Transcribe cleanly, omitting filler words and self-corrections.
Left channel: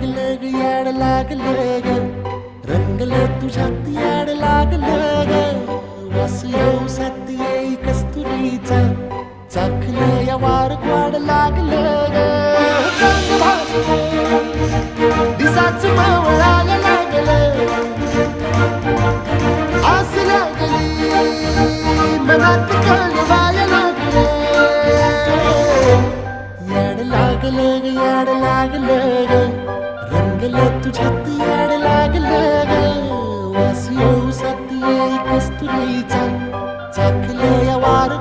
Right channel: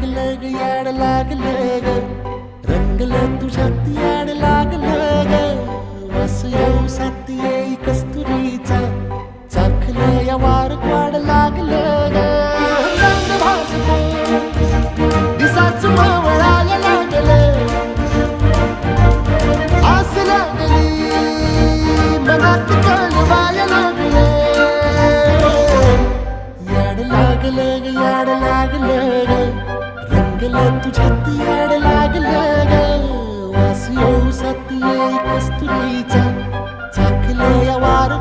लागलं ग याड लागलं ग रंगलं तुझ्यात याड लागलं ग वास येऊ सात येई कस्तुरीचा चाखलं या वार वाड लागलं ग चांग भासतो दिसाच मावळायला लागलं आस लागली मनात कळवायला लागलं याड लागलं ग याड लागलं ग रंगलं तुझ्यात याड लागलं ग वास येऊ सात येई कस्तुरीचा चाखलं या वार